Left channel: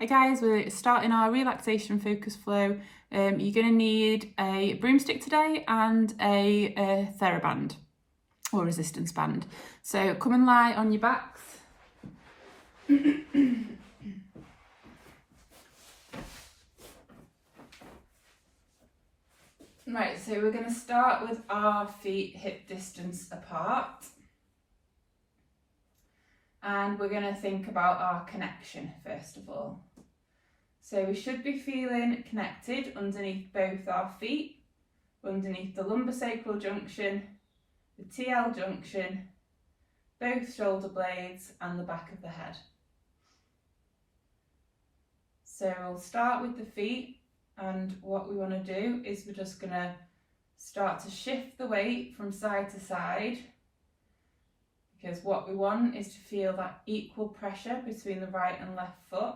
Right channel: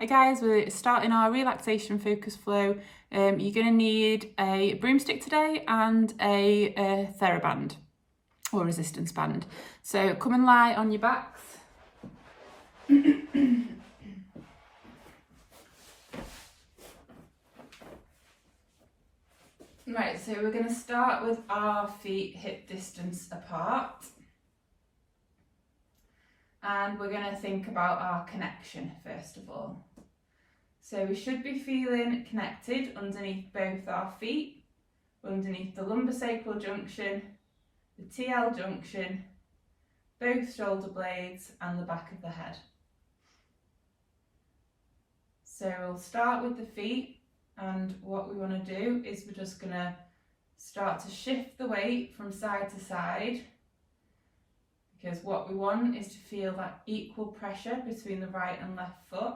Hi guys, we're starting our relaxation focus flow. You're going to need a broomstick today and a TheraBand or resistance band. So come and lie on your backs. Right, so we're going to start with our feet hip distance apart. And we're going to think about our connection first of all. So we should be feeling connected underneath both our feet, underneath the lumbosacral junction, the TL junction, both shoulder blades and the back of the head. So we'll start with the feet, and what we want to do is we're just going to start to shift the weight from side to side, because what we want is to feel that equal pressure between the right and left foot.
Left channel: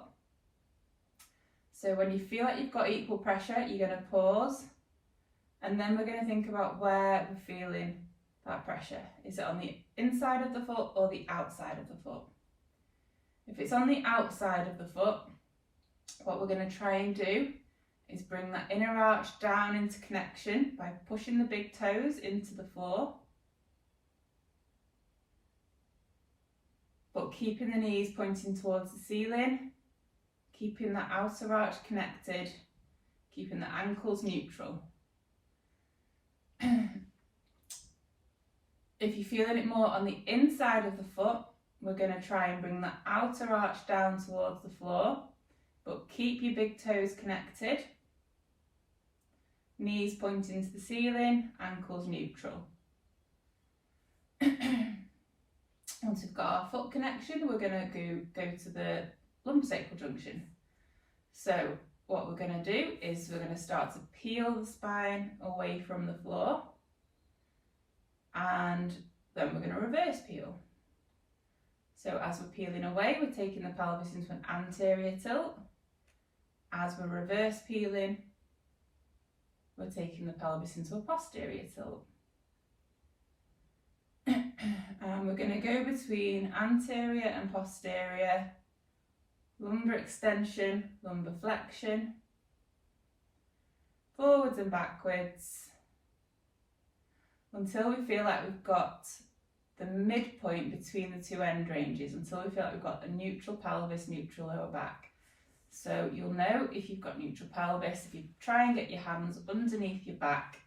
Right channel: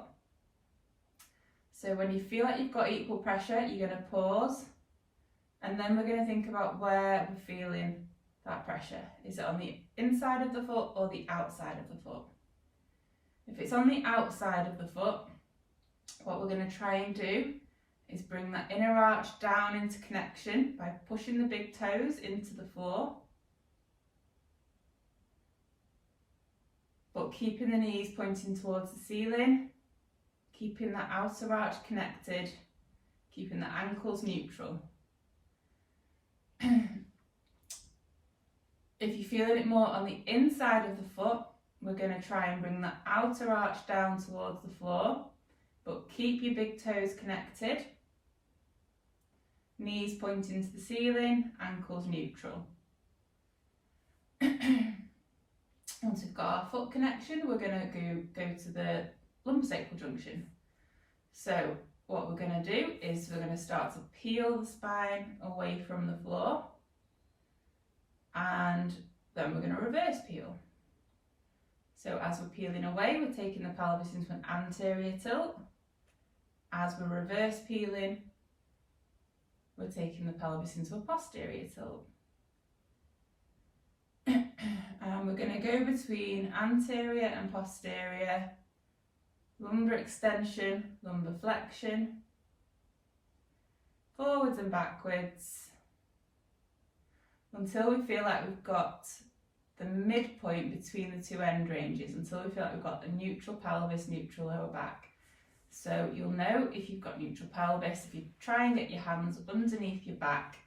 So when you feel like you've got equal pressure, you're going to pause, and then we're going to think about where we're feeling that pressure. Is it on the inside of the foot or the outside of the foot? If it's on the outside of the foot, what we're going to try and do is bring that inner arch down into connection by pushing the big toes into the floor, but keeping the knees pointing towards the ceiling, keeping the outer arch connected, keeping the ankles neutral. If you're feeling it more on the inside of the foot, we're going to try and bring the outer arch down towards the floor, but keep your big toes connected, knees pointing to the ceiling, ankles neutral. Once we've got our foot connection, we're going to go to the lumbosacral junction. So what we're going to do is we're going to start to peel the spine away from the floor, and then we're going to reverse peel. So as we're peeling away, we're taking the pelvis into an anterior tilt. As we're reverse peeling, we're taking the pelvis into a posterior tilt. And we're going to go between anterior and posterior, lumbar extension, lumbar flexion, forwards and backwards, until we feel like we've got the midpoint between the two end ranges, until we feel like we've got a neutral pelvis, neutral lower back. So you'll know if you've got neutral pelvis if you try and get your hands underneath your back.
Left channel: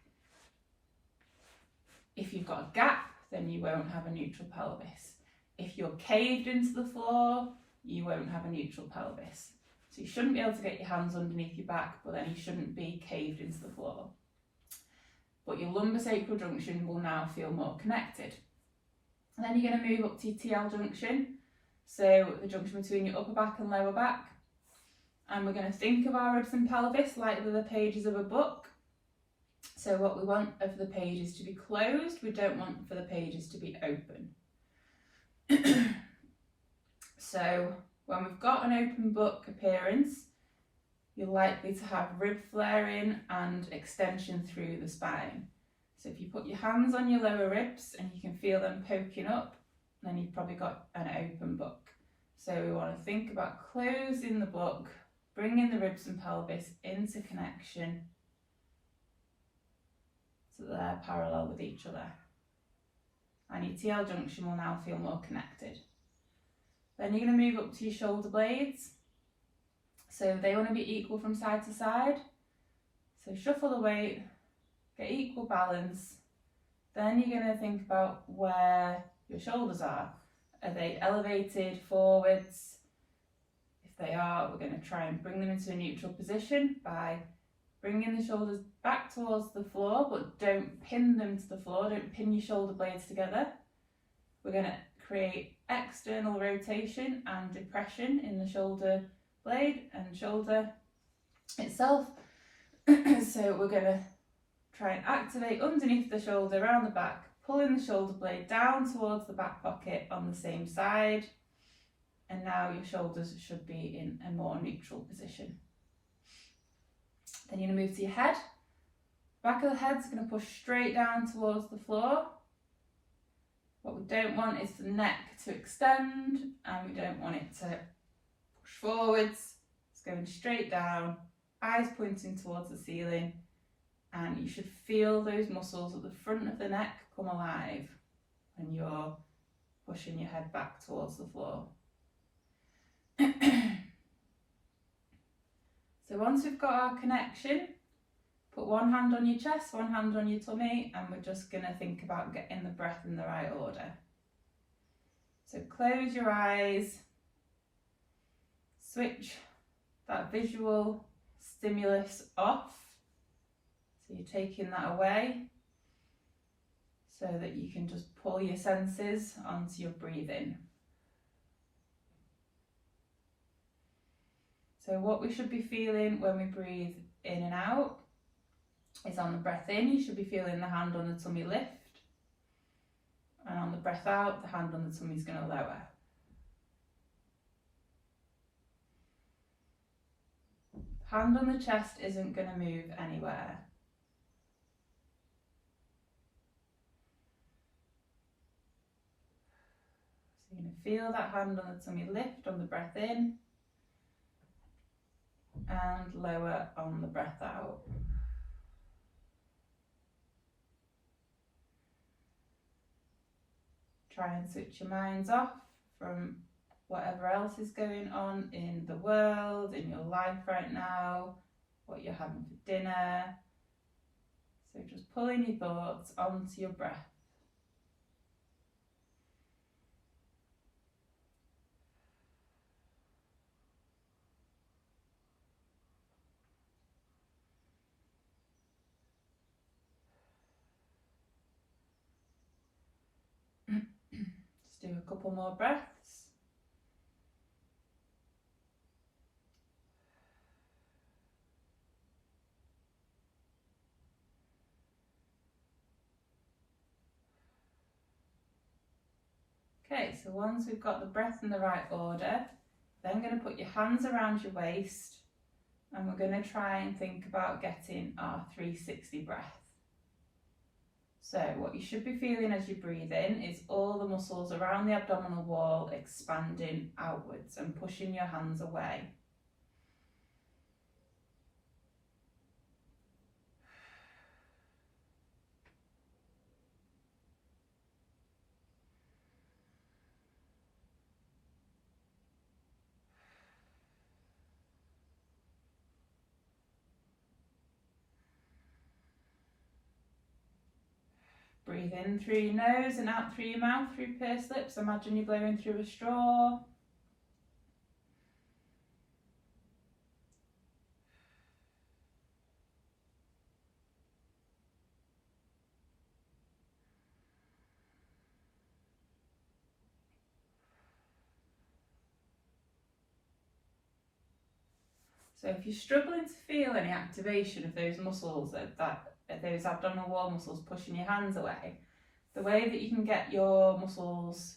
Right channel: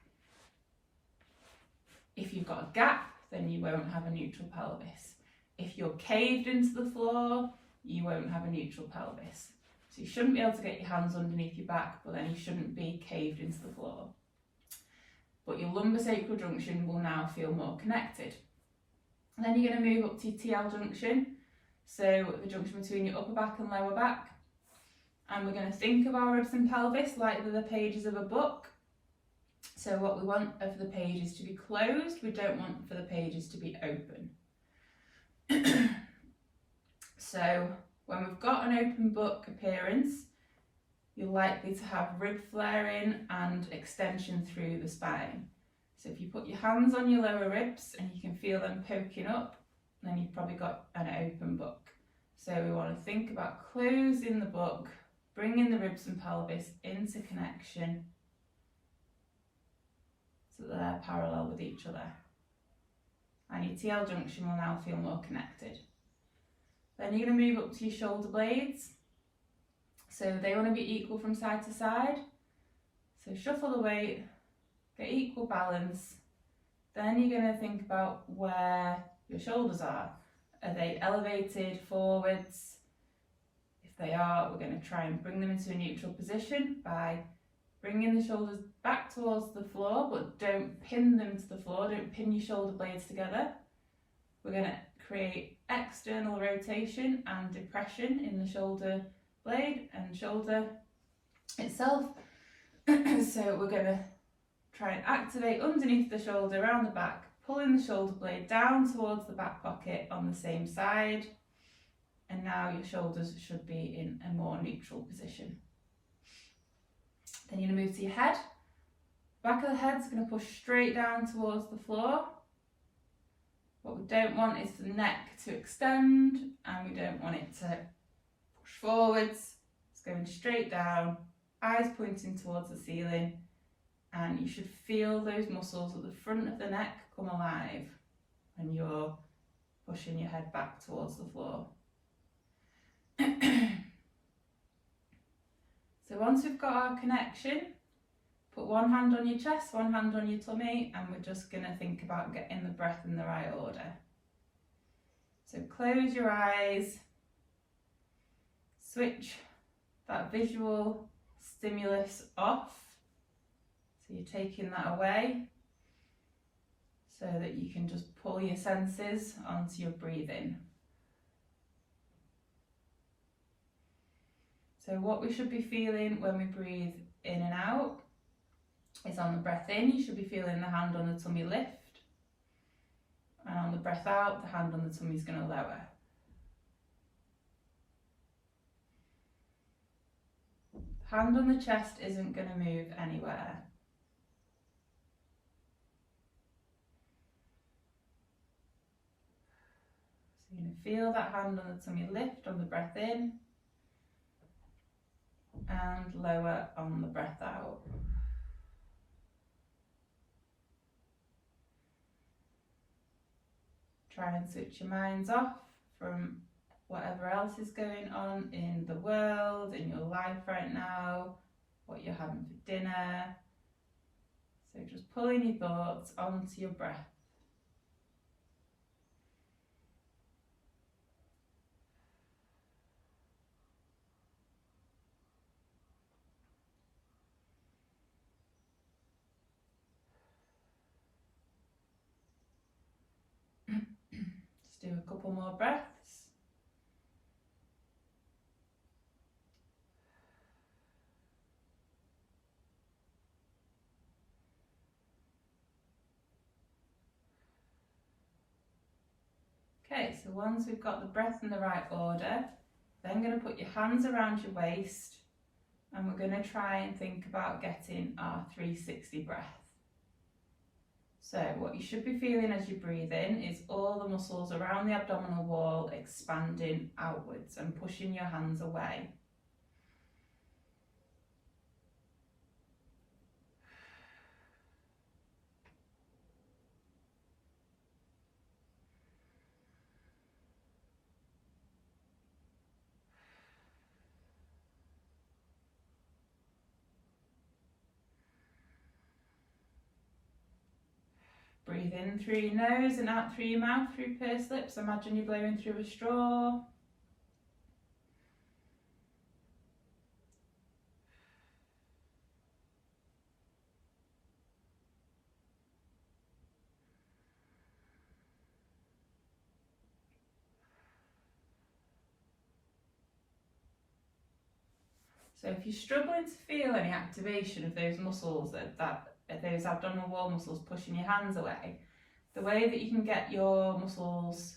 If you've got a gap, then you won't have a neutral pelvis. If you're caved into the floor, you won't have a neutral pelvis. So you shouldn't be able to get your hands underneath your back, but then you shouldn't be caved into the floor. But your lumbosacral junction will now feel more connected. And then you're going to move up to your TL junction, so the junction between your upper back and lower back. And we're going to think of our ribs and pelvis like they're the pages of a book. So what we want are for the pages to be closed, we don't want for the pages to be open. So when we've got an open book appearance, you're likely to have rib flaring and extension through the spine. So if you put your hands on your lower ribs and you can feel them poking up, then you've probably got an open book. So we want to think about closing the book, bringing the ribs and pelvis into connection so they're parallel with each other. And your TL junction will now feel more connected. Then you're going to move up to your shoulder blades. So they want to be equal from side to side. So shuffle the weight, get equal balance. Then you're going to think about where your shoulders are. Are they elevated forwards? If they are, we're going to try and bring them into a neutral position by bringing the shoulders back towards the floor, but don't pin them to the floor, don't pin your shoulder blades together. We're going to create external rotation and depression in the shoulder blade and shoulder itself. So we're going to try and activate underneath the shoulder, around the back, pulling the shoulder blade down towards the back pocket on the same side. And now your shoulders should be in a more neutral position. Then you're going to move to your head. Back of the head's going to push straight down towards the floor. What we don't want is the neck to extend, and we don't want it to push forwards. going straight down, eyes pointing towards the ceiling, and you should feel those muscles at the front of the neck come alive when you're pushing your head back towards the floor. So once we've got our connection, put one hand on your chest, one hand on your tummy, and we're just going to think about getting the breath in the right order. So close your eyes, switch that visual stimulus off. So you're taking that away so that you can just pull your senses onto your breathing. So what we should be feeling when we breathe in and out is on the breath in, you should be feeling the hand on the tummy lift. And on the breath out, the hand on the tummy is going to lower. The hand on the chest isn't going to move anywhere. So you're going to feel that hand on the tummy lift on the breath in and lower on the breath out. Try and switch your minds off from whatever else is going on in the world, in your life right now, what you're having for dinner. So just pulling your thoughts onto your breath. Just do a couple more breaths. Okay, so once we've got the breath in the right order, then going to put your hands around your waist and we're going to try and think about getting our 360 breath. So what you should be feeling as you breathe in is all the muscles around the abdominal wall expanding outwards and pushing your hands away. Breathe in through your nose and out through your mouth through pursed lips. Imagine you're blowing through a straw. So if you're struggling to feel any activation of those muscles, those abdominal wall muscles pushing your hands away, the way that you can get your muscles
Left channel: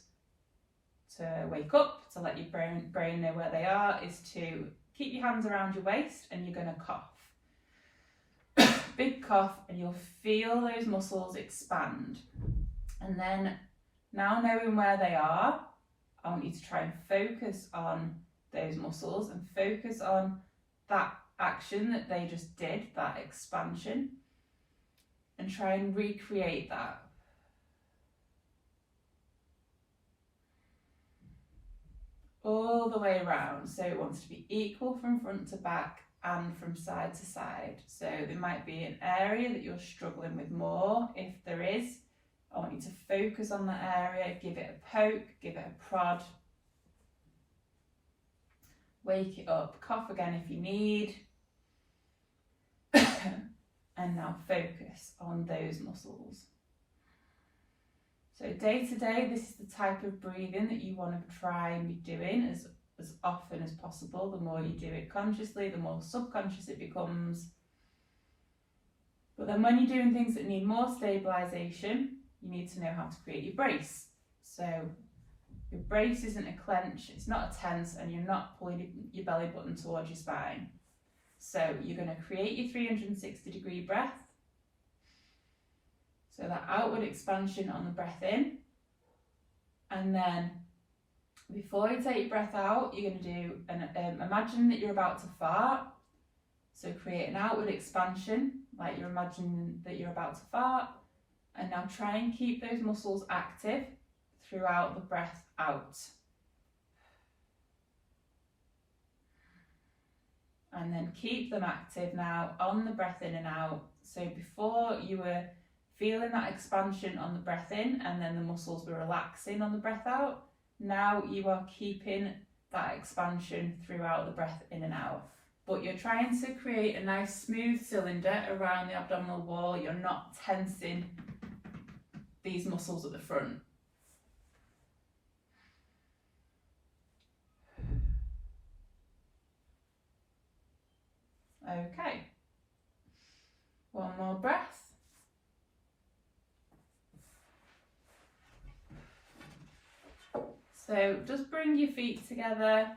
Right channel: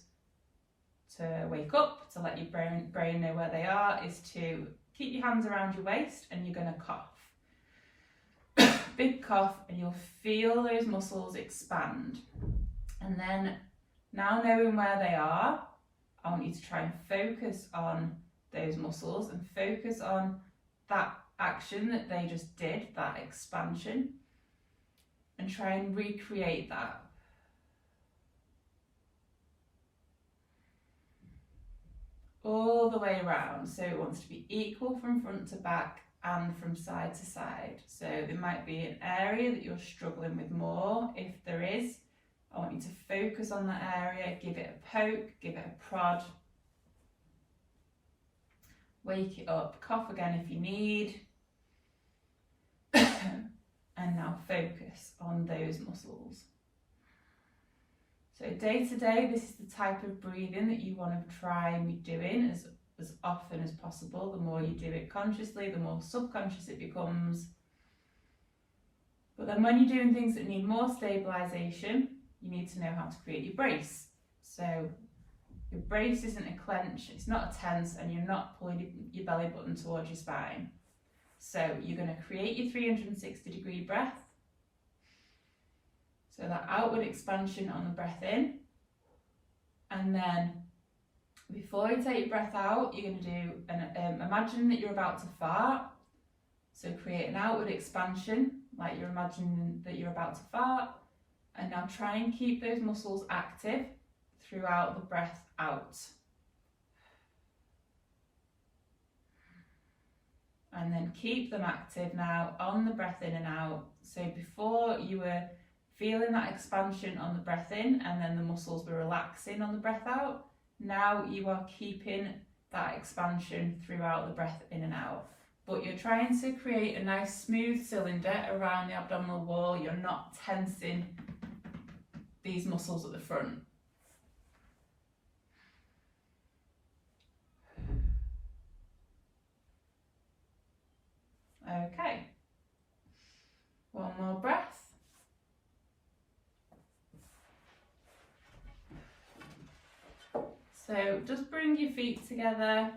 to wake up, to let your brain know where they are, is to keep your hands around your waist and you're going to cough. Big cough, and you'll feel those muscles expand. And then, now knowing where they are, I want you to try and focus on those muscles and focus on that action that they just did, that expansion, and try and recreate that. All the way around, so it wants to be equal from front to back and from side to side. So there might be an area that you're struggling with more. If there is, I want you to focus on that area, give it a poke, give it a prod. Wake it up, cough again if you need. And now focus on those muscles. So day to day, this is the type of breathing that you want to try and be doing as often as possible. The more you do it consciously, the more subconscious it becomes. But then when you're doing things that need more stabilisation, you need to know how to create your brace. So your brace isn't a clench, it's not a tense, and you're not pulling your belly button towards your spine. So you're going to create your 360-degree breath. So that outward expansion on the breath in, and then Before you take your breath out, you're going to do imagine that you're about to fart. So create an outward expansion, like you're imagining that you're about to fart. And now try and keep those muscles active throughout the breath out. And then keep them active now on the breath in and out. So before you were feeling that expansion on the breath in and then the muscles were relaxing on the breath out, now you are keeping that expansion throughout the breath in and out. But you're trying to create a nice smooth cylinder around the abdominal wall. You're not tensing these muscles at the front. Okay, one more breath. So just bring your feet together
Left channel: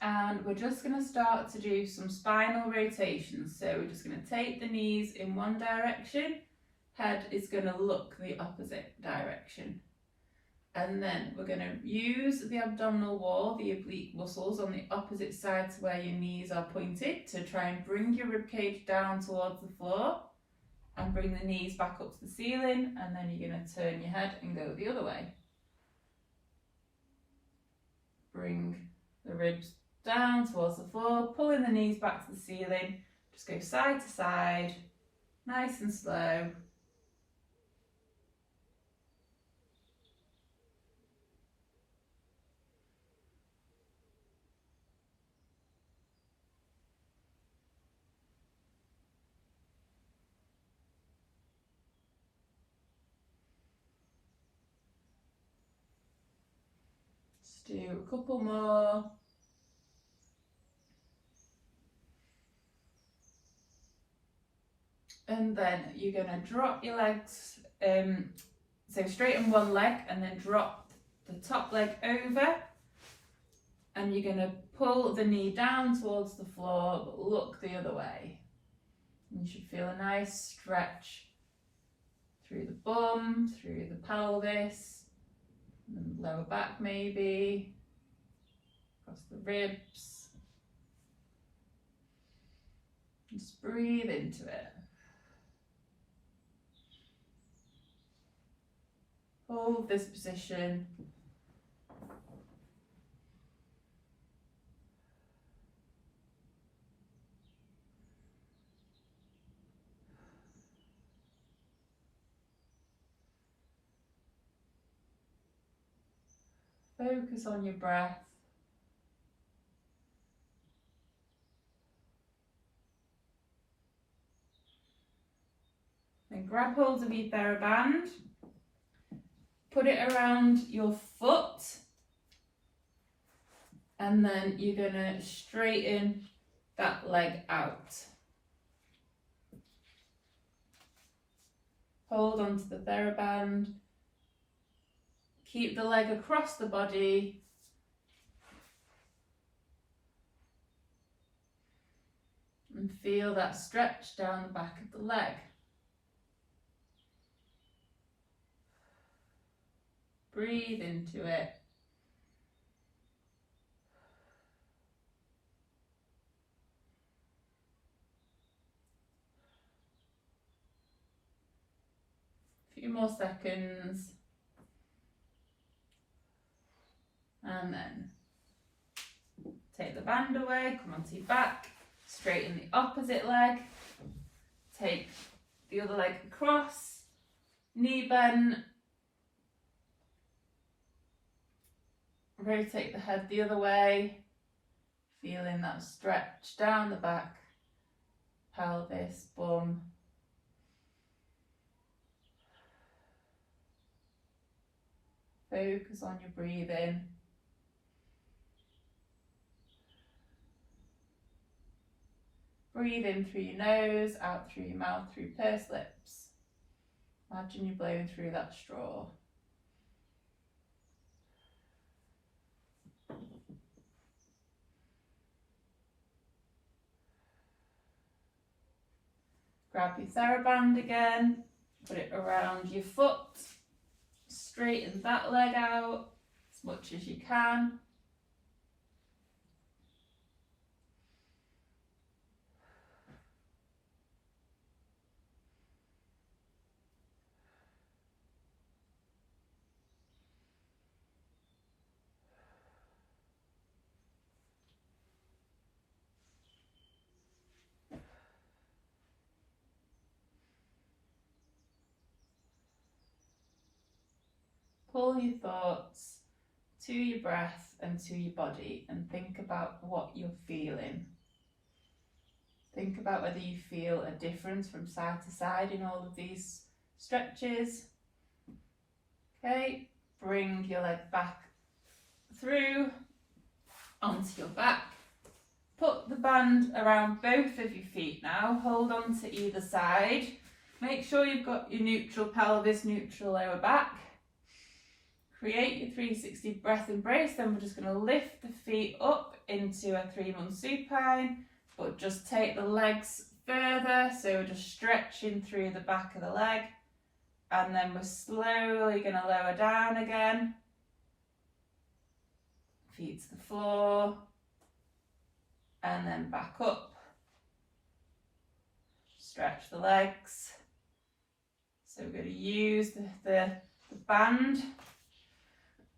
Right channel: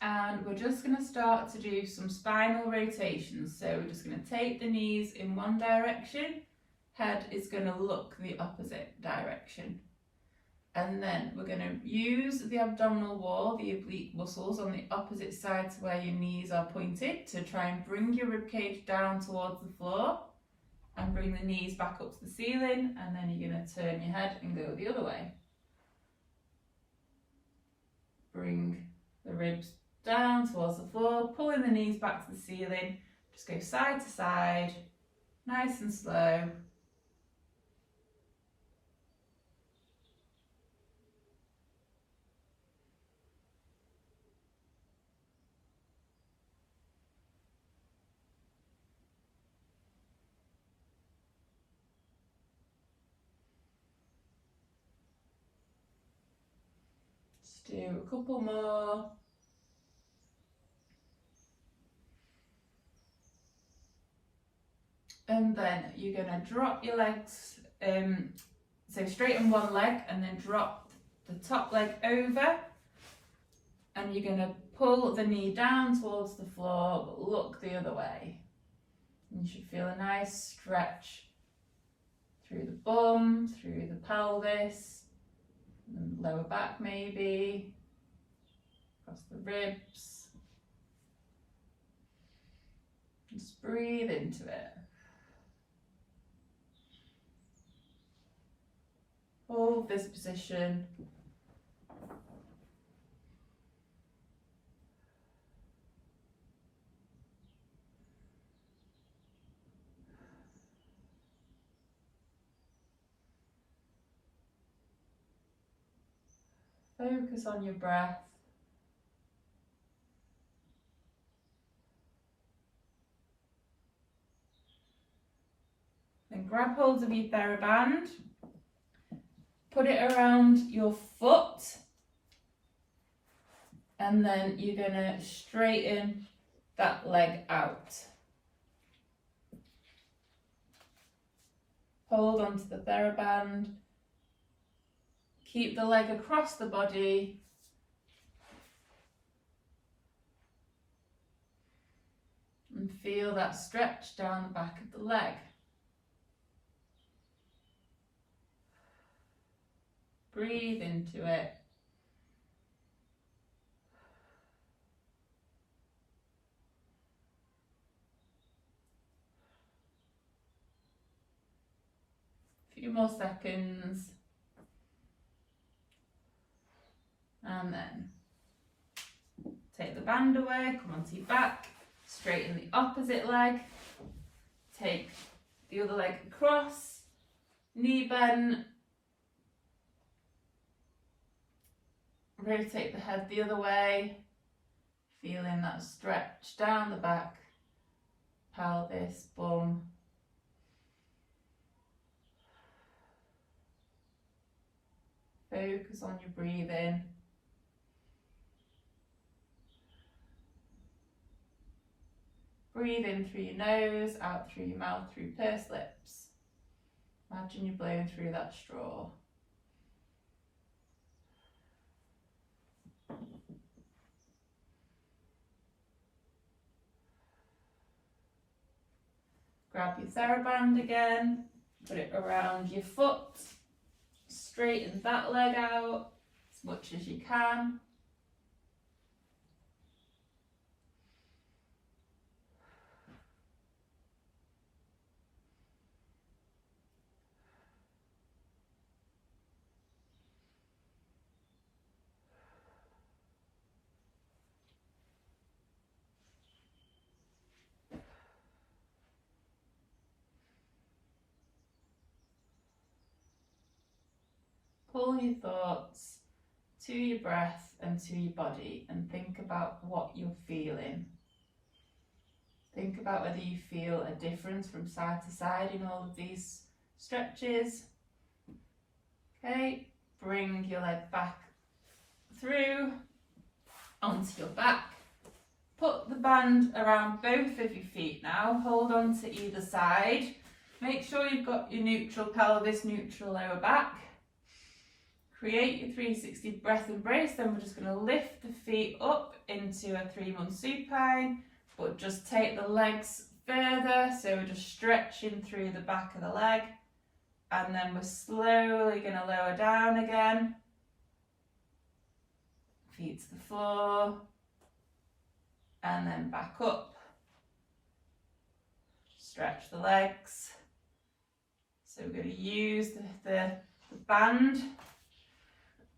and we're just going to start to do some spinal rotations. So we're just going to take the knees in one direction, head is going to look the opposite direction. And then we're going to use the abdominal wall, the oblique muscles on the opposite side to where your knees are pointed to try and bring your ribcage down towards the floor and bring the knees back up to the ceiling, and then you're going to turn your head and go the other way. Bring the ribs down towards the floor, pulling the knees back to the ceiling. Just go side to side, nice and slow. Do a couple more. And then you're going to drop your legs, so straighten one leg and then drop the top leg over, and you're going to pull the knee down towards the floor but look the other way. And you should feel a nice stretch through the bum, through the pelvis, and lower back maybe, across the ribs. Just breathe into it. Hold this position. Focus on your breath. Then grab hold of your TheraBand. Put it around your foot. And then you're going to straighten that leg out. Hold onto the TheraBand. Keep the leg across the body. And feel that stretch down the back of the leg. Breathe into it. A few more seconds. And then take the band away, come onto your back, straighten the opposite leg, take the other leg across, knee bend, rotate the head the other way, feeling that stretch down the back, pelvis, bum. Focus on your breathing. Breathe in through your nose, out through your mouth, through pursed lips. Imagine you're blowing through that straw. Grab your TheraBand again, put it around your foot, straighten that leg out as much much as you can. Pull your thoughts to your breath and to your body and think about what you're feeling. Think about whether you feel a difference from side to side in all of these stretches. Okay, bring your leg back through onto your back. Put the band around both of your feet now. Hold on to either side. Make sure you've got your neutral pelvis, neutral lower back. Create your 360 breath embrace. Then we're just going to lift the feet up into a 3-month supine, but just take the legs further. So we're just stretching through the back of the leg. And then we're slowly going to lower down again. Feet to the floor. And then back up. Stretch the legs. So we're going to use the band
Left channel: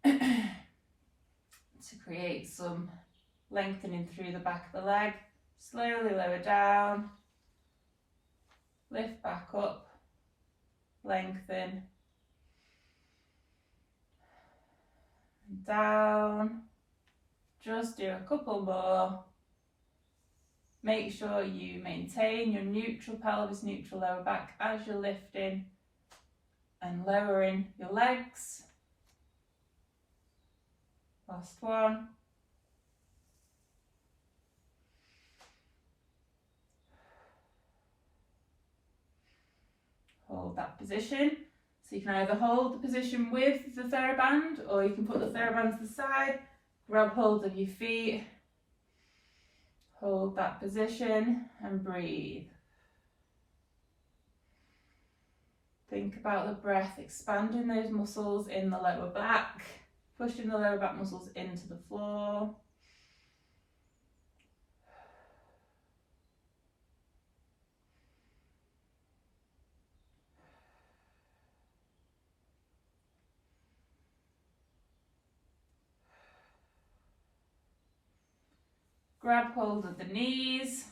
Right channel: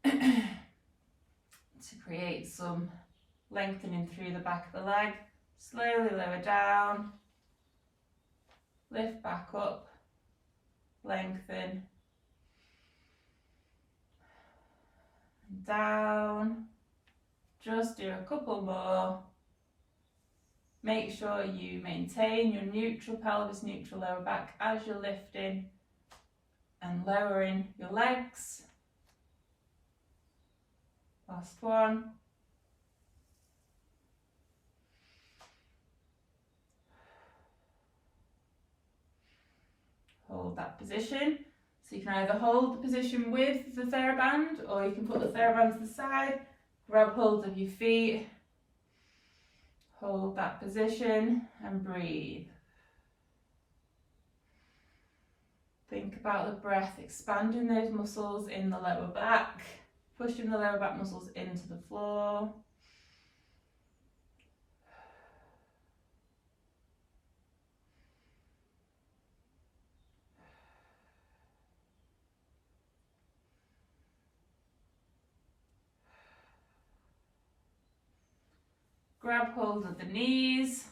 to create some lengthening through the back of the leg. Slowly lower down, lift back up, lengthen, and down. Just do a couple more. Make sure you maintain your neutral pelvis, neutral lower back as you're lifting and lowering your legs. Last one. Hold that position. So you can either hold the position with the TheraBand, or you can put the TheraBand to the side, grab hold of your feet, hold that position and breathe. Think about the breath, expanding those muscles in the lower back. Pushing the lower back muscles into the floor. Grab hold of the knees.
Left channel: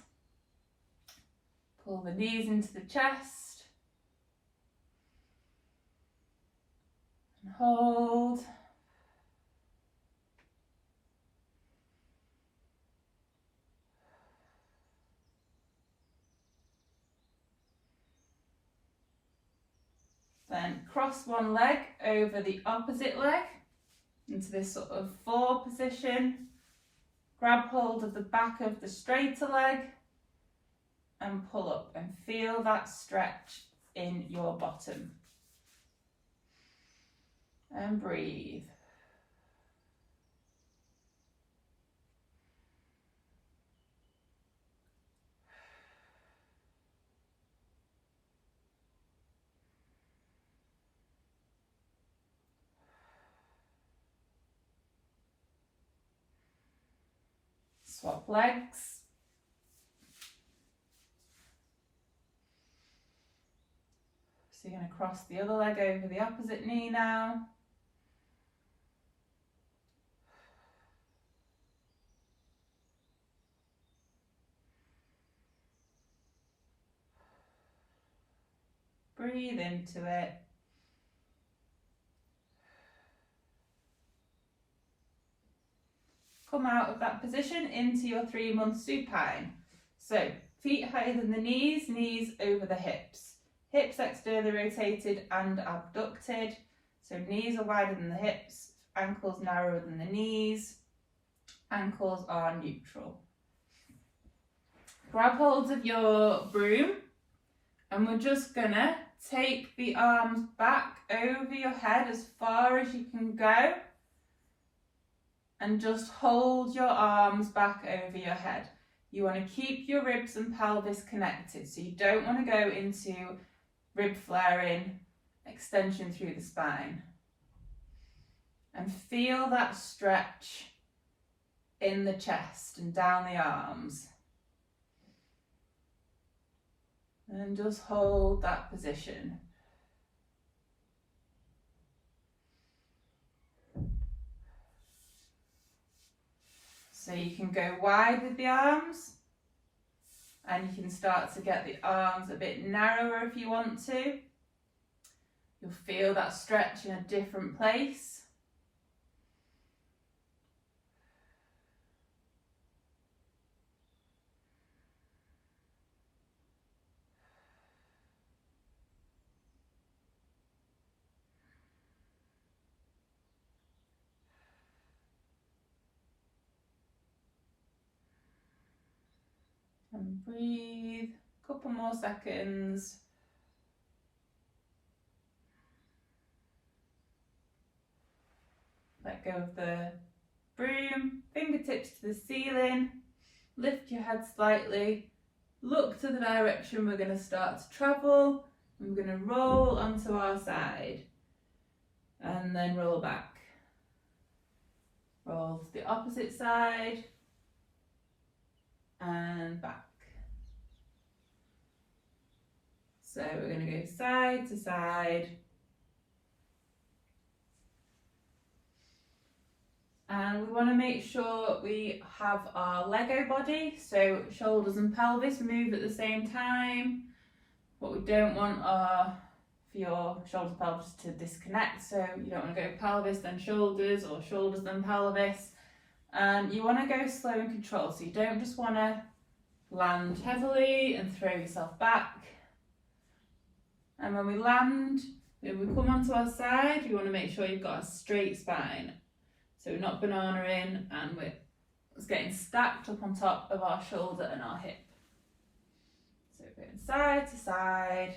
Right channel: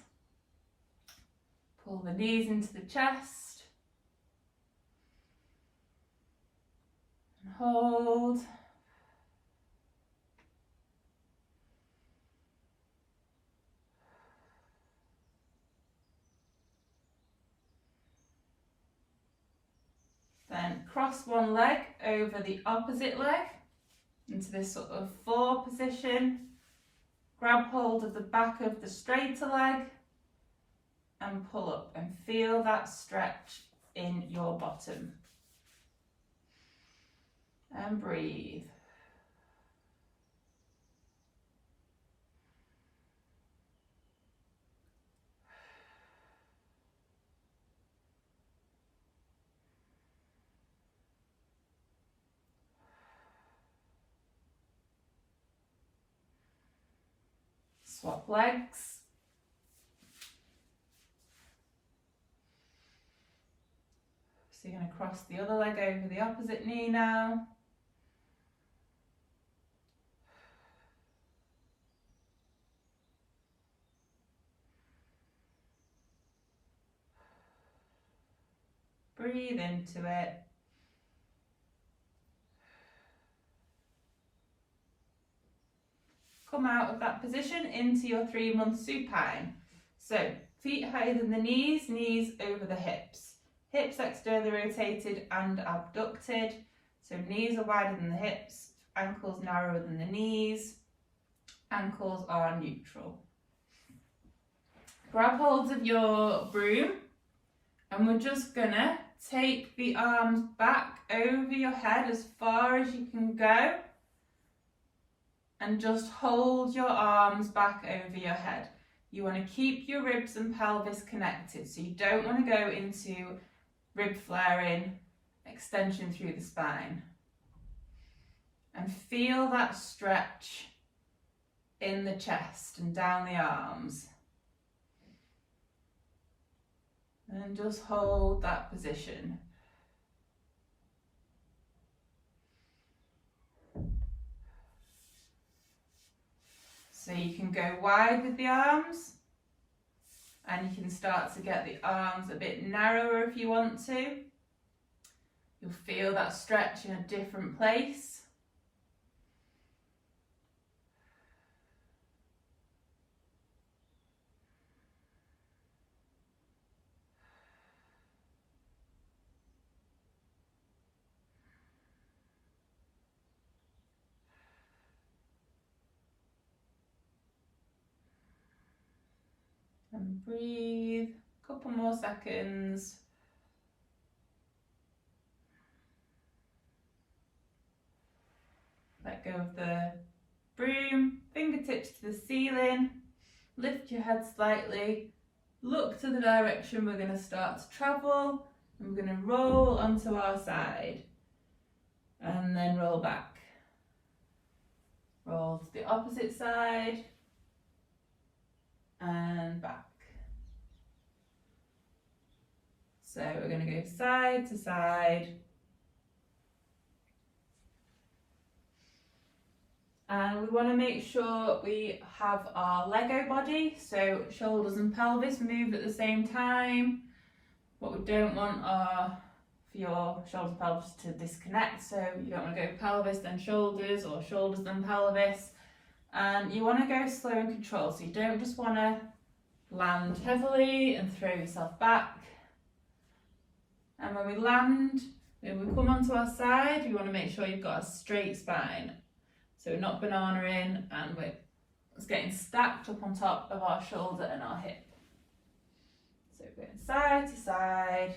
Pull the knees into the chest. And hold. Then cross one leg over the opposite leg into this sort of 4 position. Grab hold of the back of the straighter leg and pull up and feel that stretch in your bottom. And breathe. Swap legs. So you're going to cross the other leg over the opposite knee now. Breathe into it. Come out of that position into your 3-month supine. So feet higher than the knees, knees over the hips. Hips externally rotated and abducted. So knees are wider than the hips, ankles narrower than the knees, ankles are neutral. Grab hold of your broom and we're just gonna take the arms back over your head as far as you can go. And just hold your arms back over your head. You want to keep your ribs and pelvis connected, so you don't want to go into rib flaring, extension through the spine. And feel that stretch in the chest and down the arms. And just hold that position. So you can go wide with the arms, and you can start to get the arms a bit narrower if you want to. You'll feel that stretch in a different place. And breathe, a couple more seconds. Let go of the broom, fingertips to the ceiling, lift your head slightly, look to the direction we're going to start to travel, and we're going to roll onto our side, and then roll back. Roll to the opposite side, and back. So we're going to go side to side. And we want to make sure we have our Lego body, so shoulders and pelvis move at the same time. What we don't want are for your shoulders and pelvis to disconnect, so you don't want to go pelvis then shoulders or shoulders then pelvis. You want to go slow and controlled, so you don't just want to land heavily and throw yourself back. And when we land, when we come onto our side, you want to make sure you've got a straight spine. So we're not banana-ing, and we're getting stacked up on top of our shoulder and our hip. So we're going side to side.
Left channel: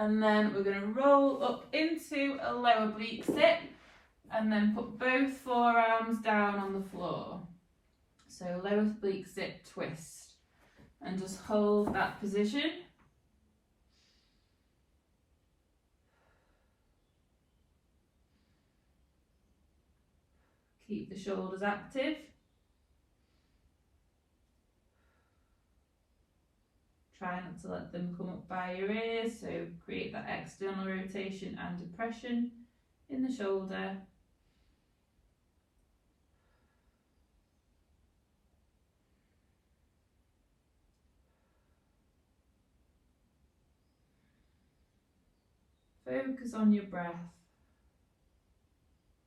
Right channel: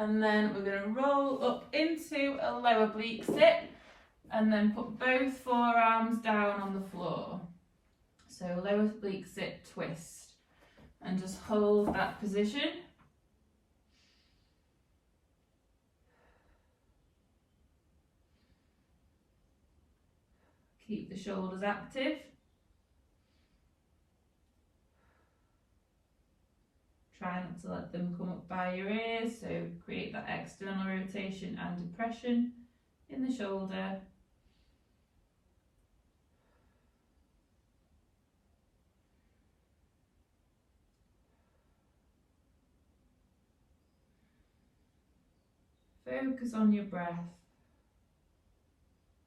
And then we're going to roll up into a lower oblique sit, and then put both forearms down on the floor. So lower oblique sit twist, and just hold that position. Keep the shoulders active. Try not to let them come up by your ears, so create that external rotation and depression in the shoulder. Focus on your breath.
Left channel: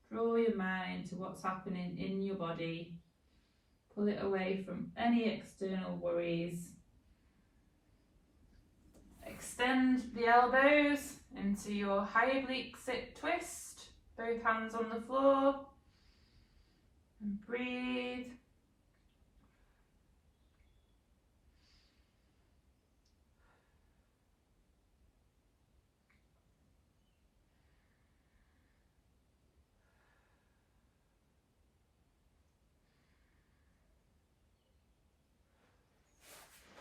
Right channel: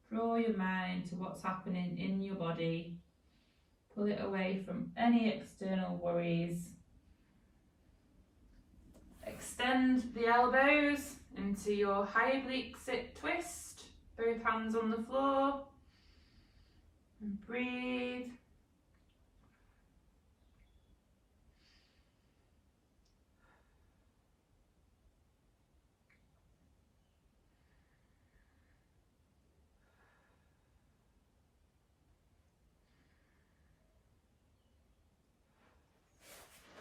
Draw your mind to what's happening in your body. Pull it away from any external worries. Extend the elbows into your high oblique sit twist, both hands on the floor, and breathe.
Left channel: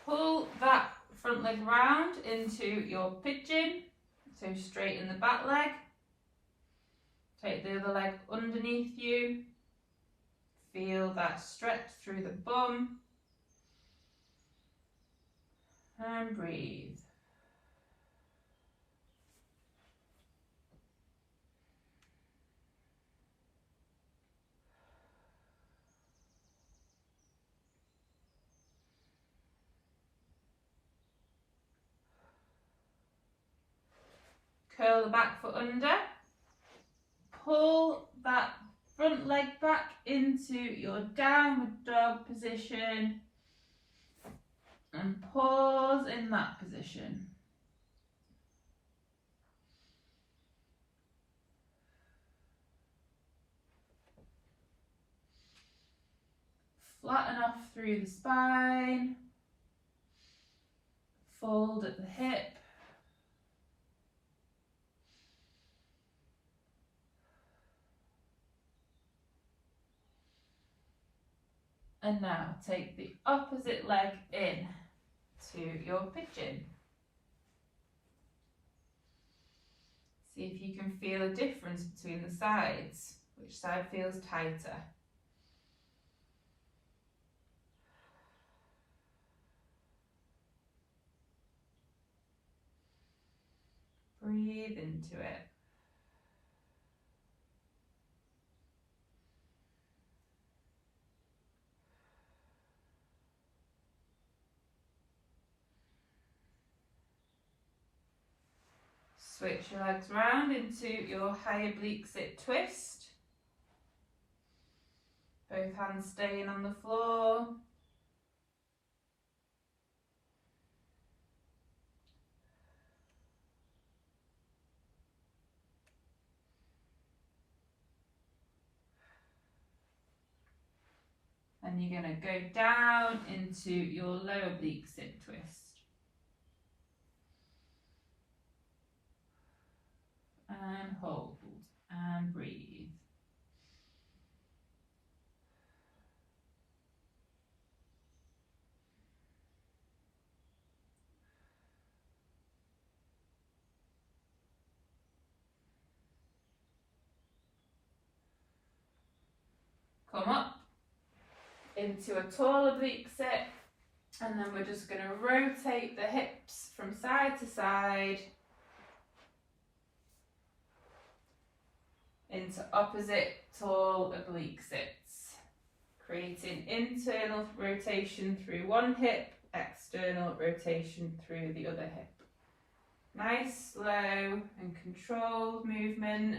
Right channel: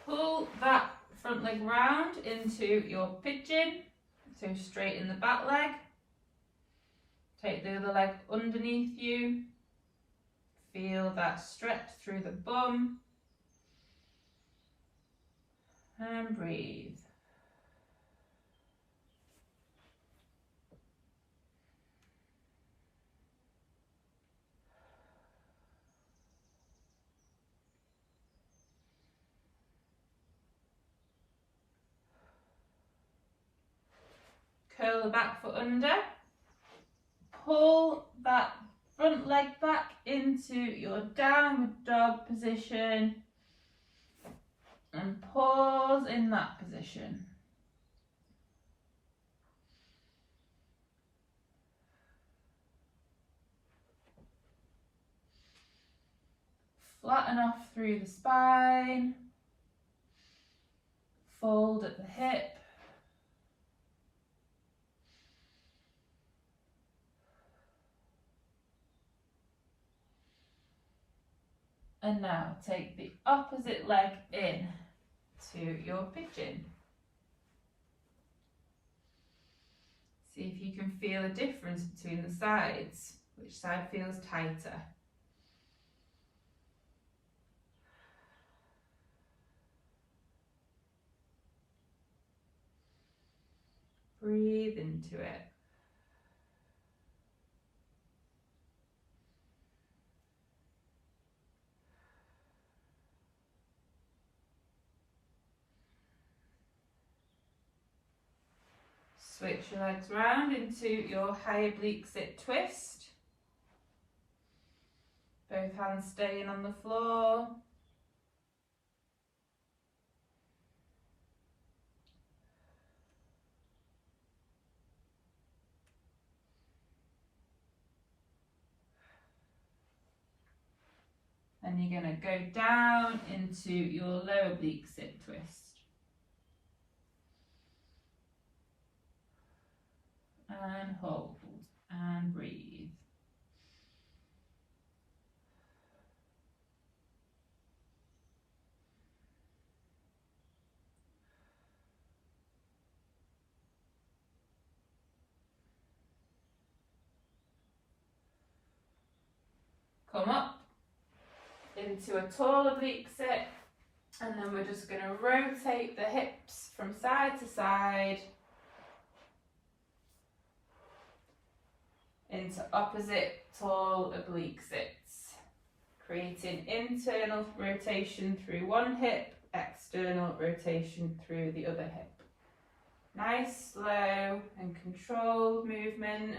Pull that front leg round into your pigeon, so straighten the back leg. Take the other leg underneath you. Feel that stretch through the bum. And breathe. Curl the back foot under. Pull that front leg back into your downward dog position, and pause in that position. Flatten off through the spine. Fold at the hip. And now take the opposite leg in to your pigeon. See if you can feel a difference between the sides. Which side feels tighter? Breathe into it. Switch your legs round into your high oblique sit twist. Both hands staying on the floor. And you're going to go down into your low oblique sit twist. And hold and breathe. Come up into a tall oblique sit, and then we're just going to rotate the hips from side to side into opposite tall oblique sits, creating internal rotation through one hip, external rotation through the other hip. Nice, slow and controlled movement.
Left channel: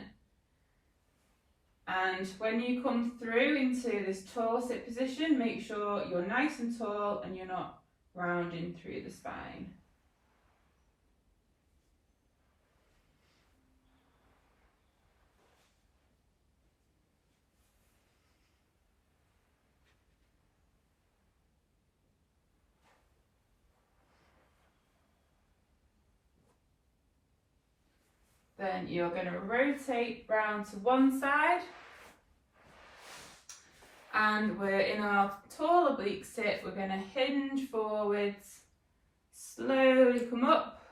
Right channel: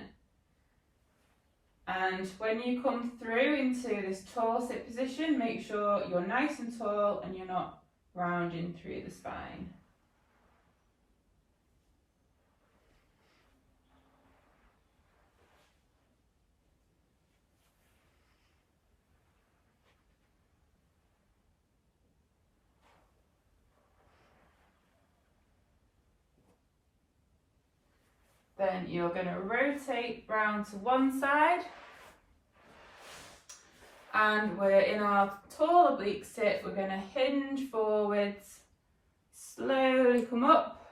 And when you come through into this tall sit position, make sure you're nice and tall and you're not rounding through the spine. Then you're going to rotate round to one side, and we're in our tall oblique sit. We're going to hinge forwards, slowly come up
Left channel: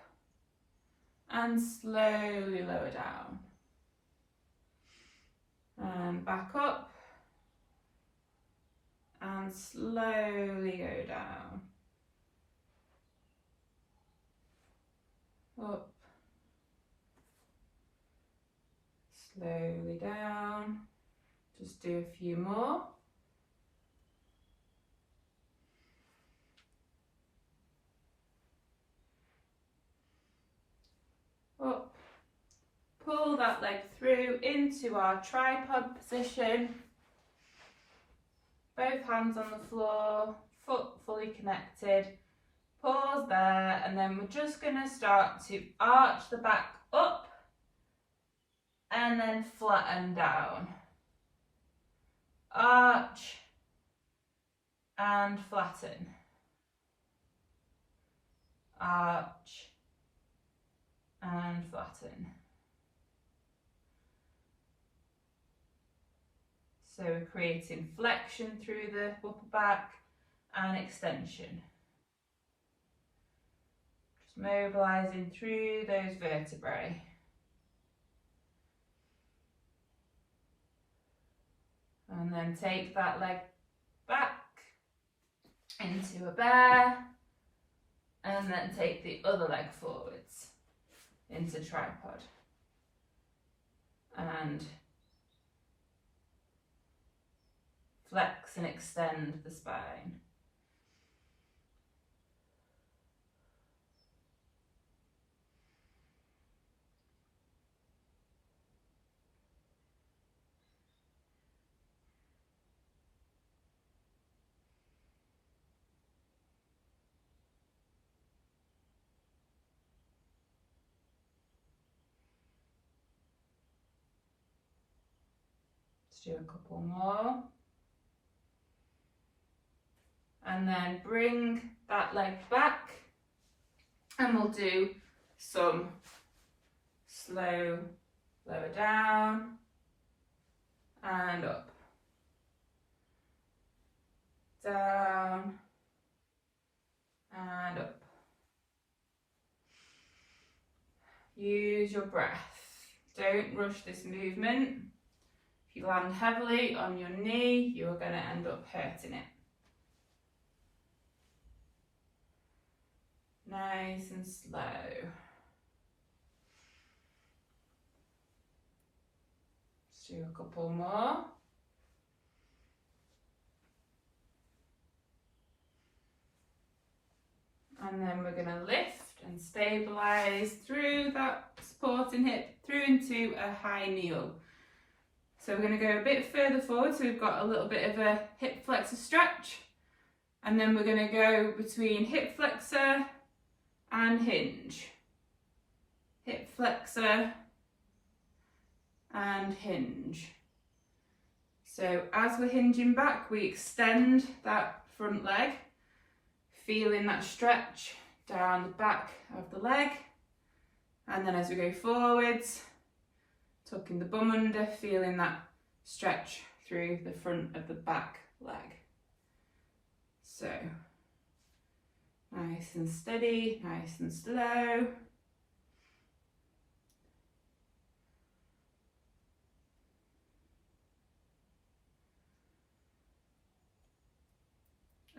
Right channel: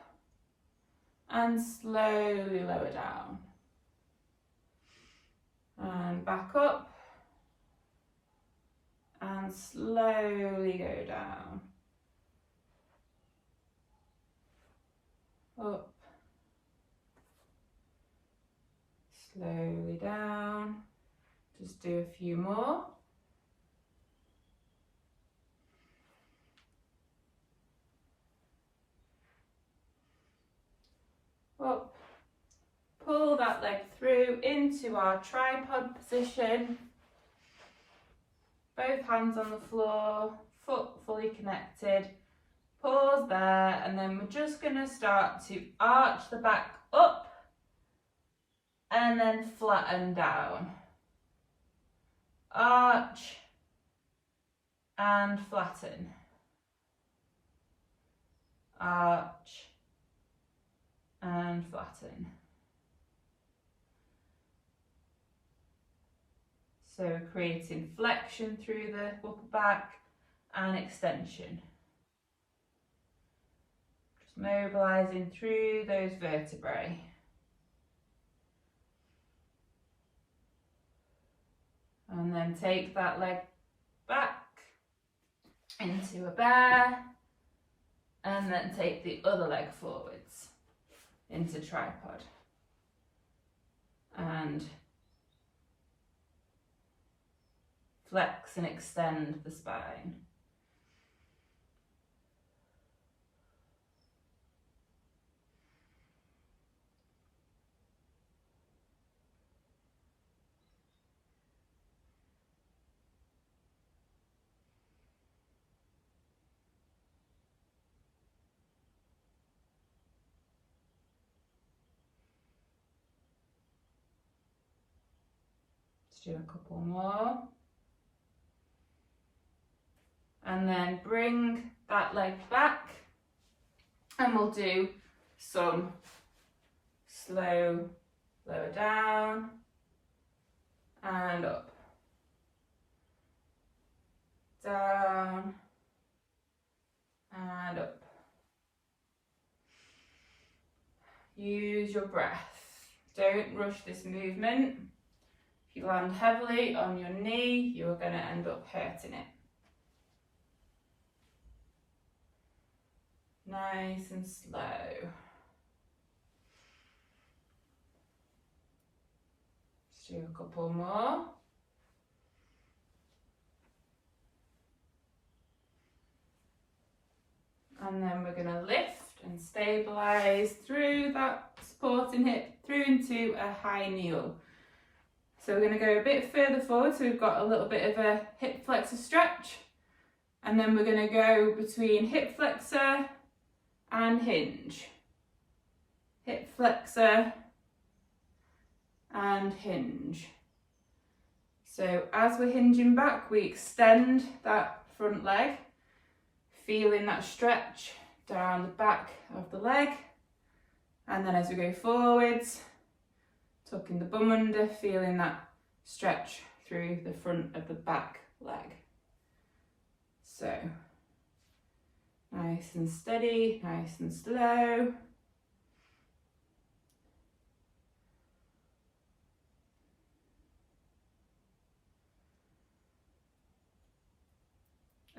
and slowly lower down, and back up and slowly go down, up, slowly down. Just do a few more. Up, pull that leg through into our tripod position. Both hands on the floor, foot fully connected. Pause there, and then we're just going to start to arch the back up and then flatten down. Arch and flatten. Arch and flatten. So we're creating flexion through the upper back and extension. Just mobilising through those vertebrae. And then take that leg back into a bear, and then take the other leg forwards into tripod. And flex and extend the spine. Let's do a couple more. And then bring that leg back, and we'll do some slow lower down and up, down and up. Use your breath. Don't rush this movement. If you land heavily on your knee, you're going to end up hurting it. Nice and slow. Let's do a couple more. And then we're going to lift and stabilise through that supporting hip through into a high kneel. So we're going to go a bit further forward, so we've got a little bit of a hip flexor stretch, and then we're going to go between hip flexor and hinge. Hip flexor and hinge. So as we're hinging back, we extend that front leg, feeling that stretch down the back of the leg, and then as we go forwards, tucking the bum under, feeling that stretch through the front of the back leg. So nice and steady, nice and slow.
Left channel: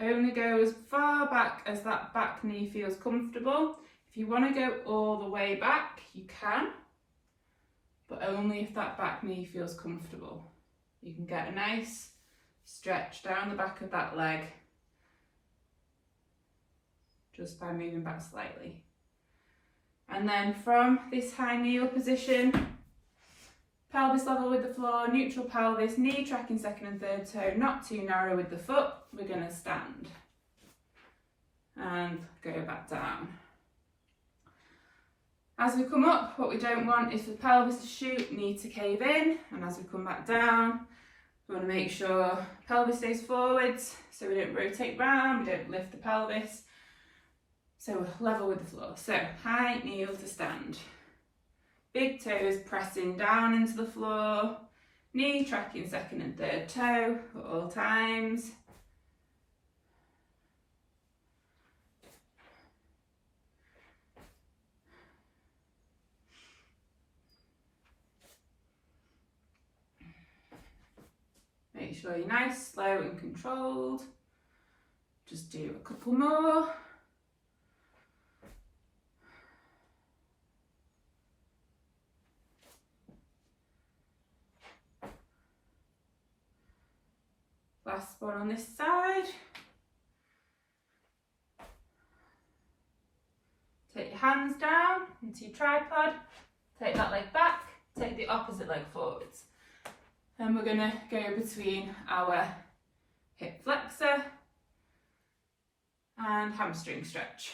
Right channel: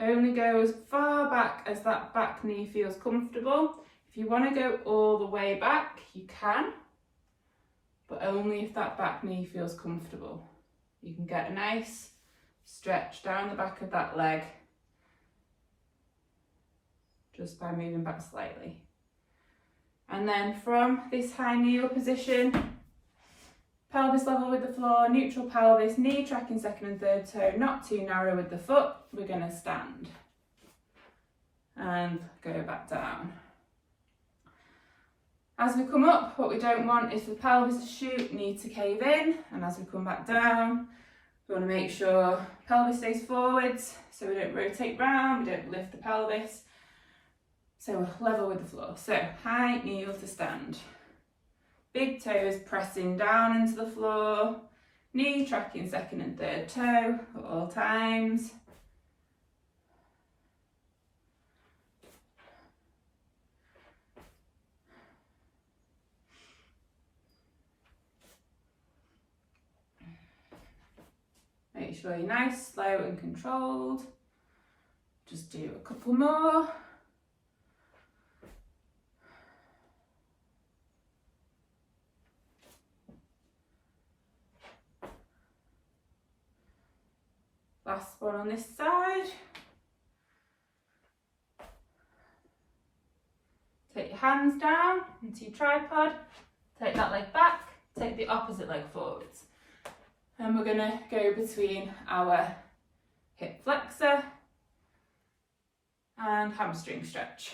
Only go as far back as that back knee feels comfortable. If you want to go all the way back, you can, but only if that back knee feels comfortable. You can get a nice stretch down the back of that leg just by moving back slightly. And then from this high kneel position, pelvis level with the floor, neutral pelvis, knee tracking second and third toe, not too narrow with the foot. We're going to stand and go back down. As we come up, what we don't want is for the pelvis to shoot, knee to cave in, and as we come back down, we want to make sure pelvis stays forwards, so we don't rotate round, we don't lift the pelvis, so we're level with the floor. So high kneel to stand. Big toes pressing down into the floor, knee tracking second and third toe at all times. Make sure you're nice, slow and controlled. Just do a couple more. Last one on this side. Take your hands down into your tripod, take that leg back, take the opposite leg forwards. And we're going to go between our hip flexor and hamstring stretch.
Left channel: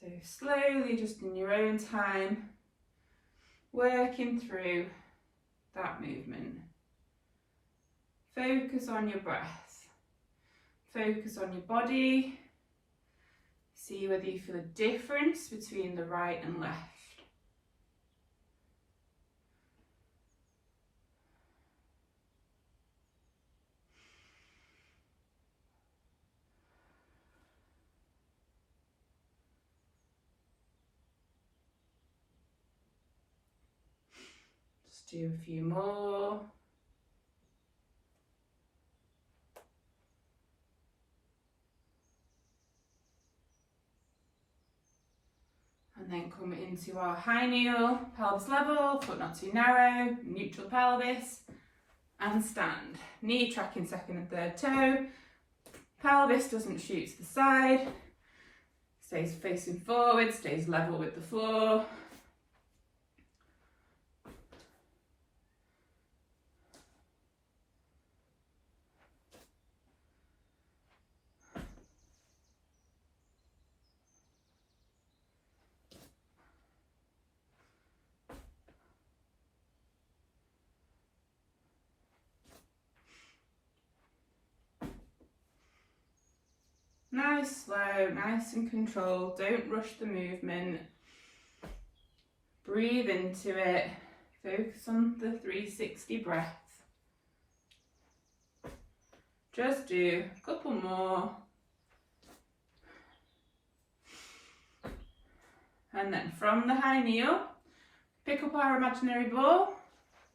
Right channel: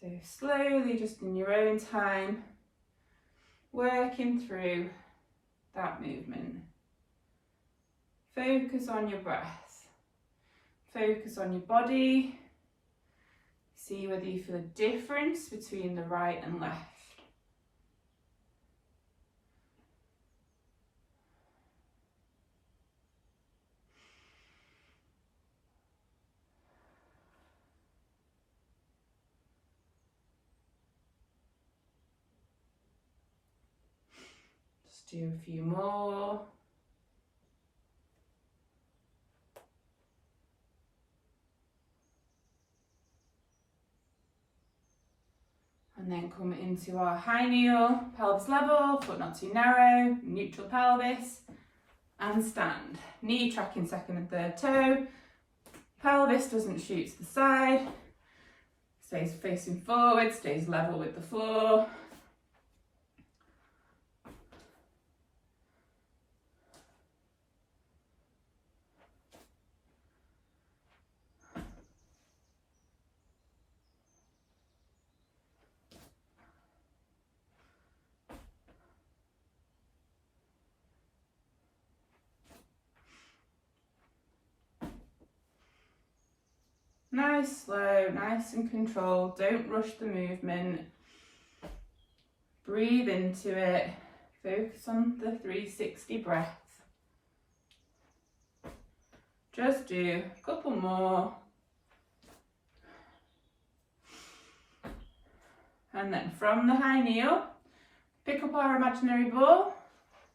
So slowly, just in your own time, working through that movement. Focus on your breath. Focus on your body. See whether you feel a difference between the right and left. Just do a few more. And then come into our high kneel, pelvis level, foot not too narrow, neutral pelvis, and stand. Knee tracking second and third toe, pelvis doesn't shoot to the side, stays facing forward, stays level with the floor. Nice, slow, nice and controlled. Don't rush the movement. Breathe into it. Focus on the 360 breath. Just do a couple more. And then from the high kneel, pick up our imaginary ball,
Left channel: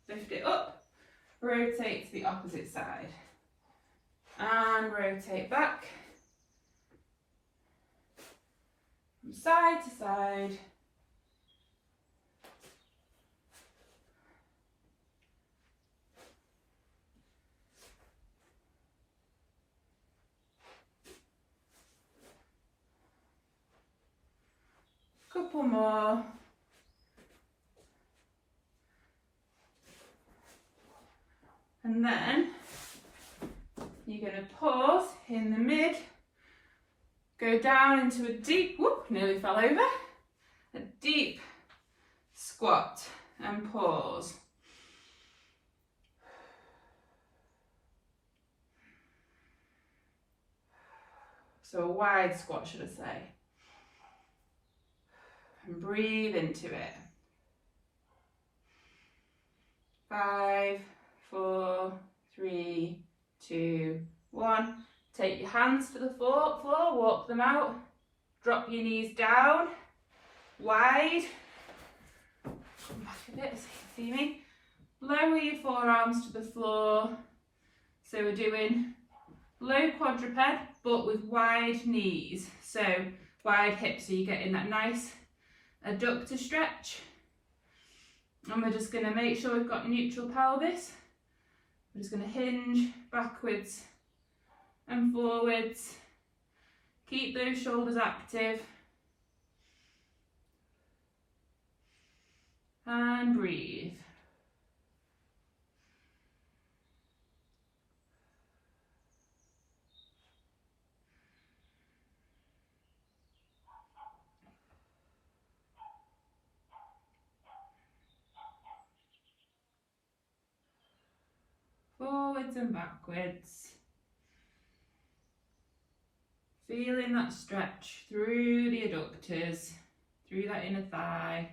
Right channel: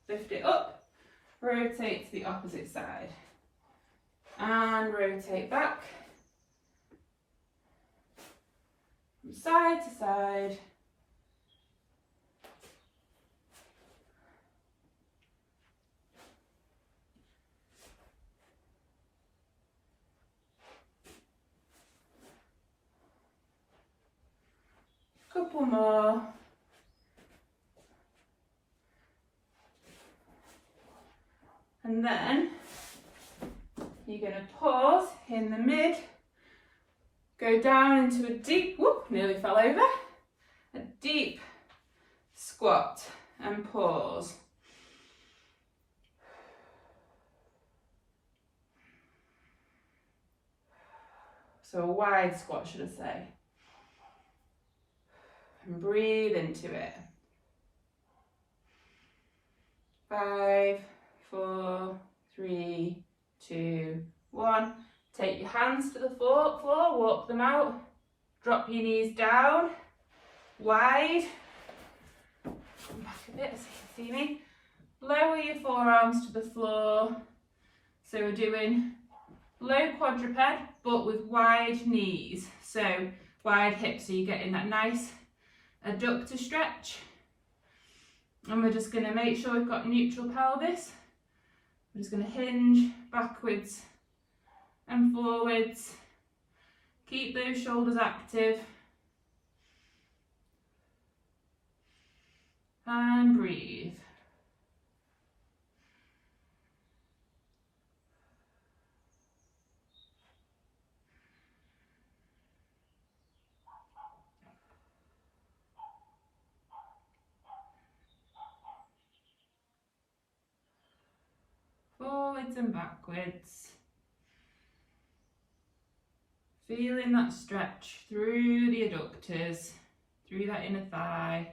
lift it up, rotate to the opposite side. And rotate back. From side to side. Couple more. And then you're going to pause in the mid, go down into a deep, whoop, nearly fell over, a deep squat and pause. So a wide squat, should I say. And breathe into it. 5, 4, 3, 2, 1. Take your hands to the floor, walk them out. Drop your knees down, wide. Come back a bit so you can see me. Lower your forearms to the floor. So we're doing low quadruped, but with wide knees. So wide hips, so you're getting that nice adductor stretch. And we're just going to make sure we've got neutral pelvis. We're just going to hinge backwards and forwards. Keep those shoulders active. And breathe. Forwards and backwards. Feeling that stretch through the adductors, through that inner thigh.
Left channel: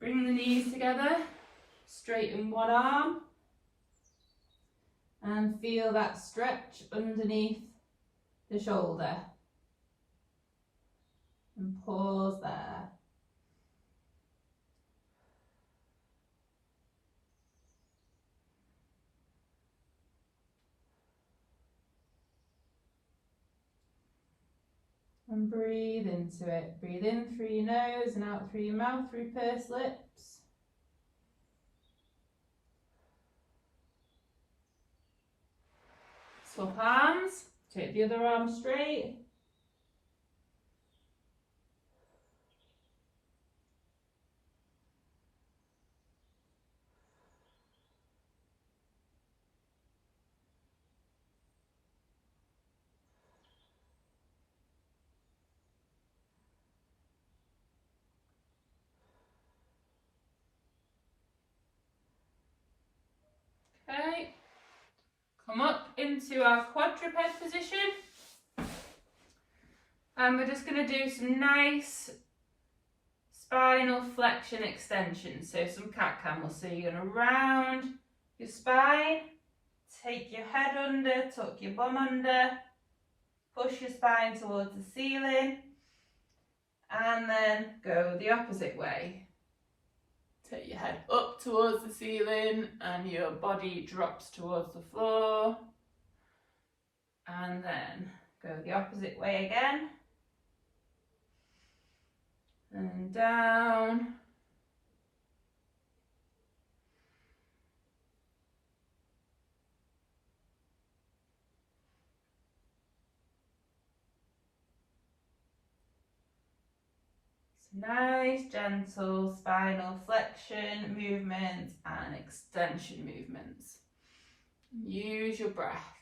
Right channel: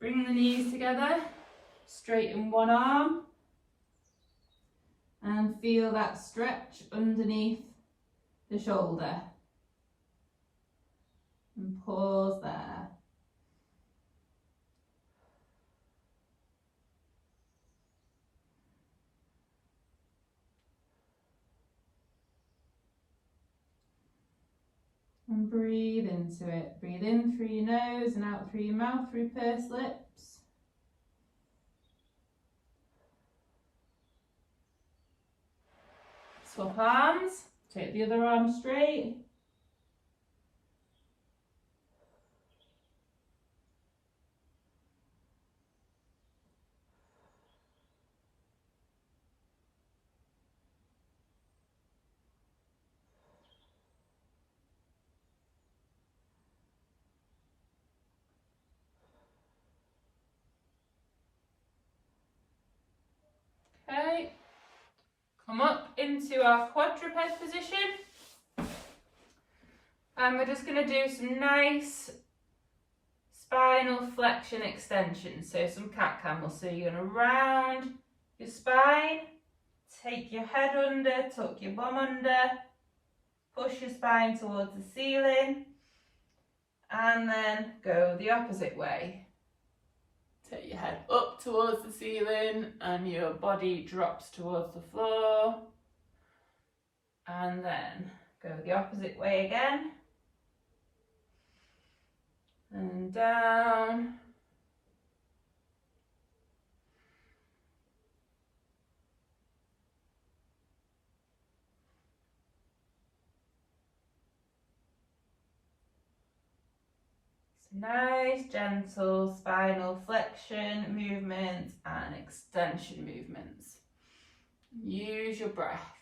Bring the knees together, straighten one arm, and feel that stretch underneath the shoulder. And pause there. And breathe into it. Breathe in through your nose and out through your mouth through pursed lips. Swap arms. Take the other arm straight. Okay, come up into our quadruped position, and we're just going to do some nice spinal flexion extension, so some cat camels. So you're going to round your spine, take your head under, tuck your bum under, push your spine towards the ceiling, and then go the opposite way. Take your head up towards the ceiling and your body drops towards the floor. And then go the opposite way again. And down. Nice, gentle spinal flexion movements and extension movements. Use your breath.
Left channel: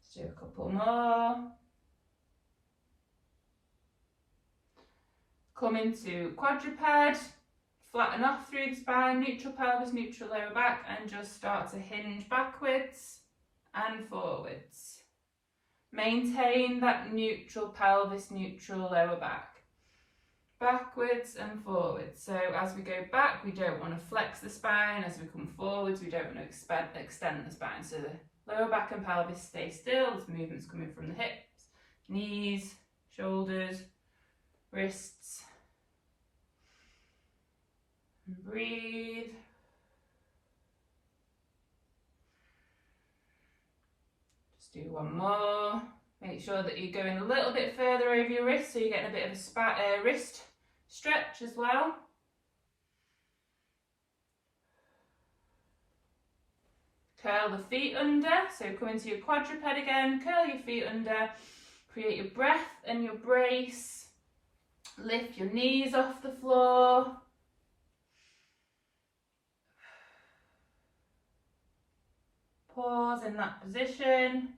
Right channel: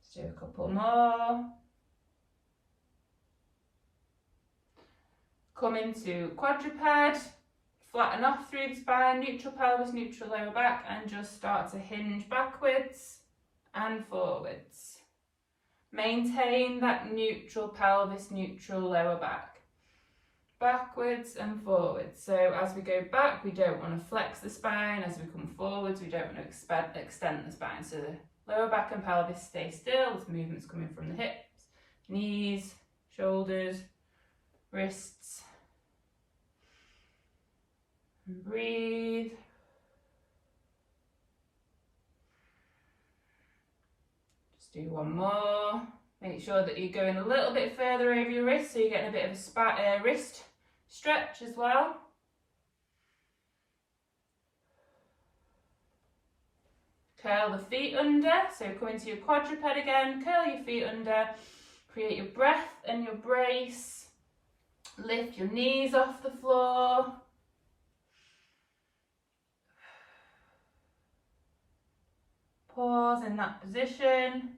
Let's do a couple more. Come into quadruped, flatten off through the spine, neutral pelvis, neutral lower back, and just start to hinge backwards and forwards. Maintain that neutral pelvis, neutral lower back. backwards and forwards. So as we go back, we don't want to flex the spine. As we come forwards, we don't want to extend the spine. So the lower back and pelvis stay still. This movement's coming from the hips, knees, shoulders, wrists. And breathe. Just do one more. Make sure that you're going a little bit further over your wrist, so you're getting a bit of a wrist stretch as well. Curl the feet under, so come into your quadruped again, curl your feet under, create your breath and your brace, lift your knees off the floor. Pause in that position.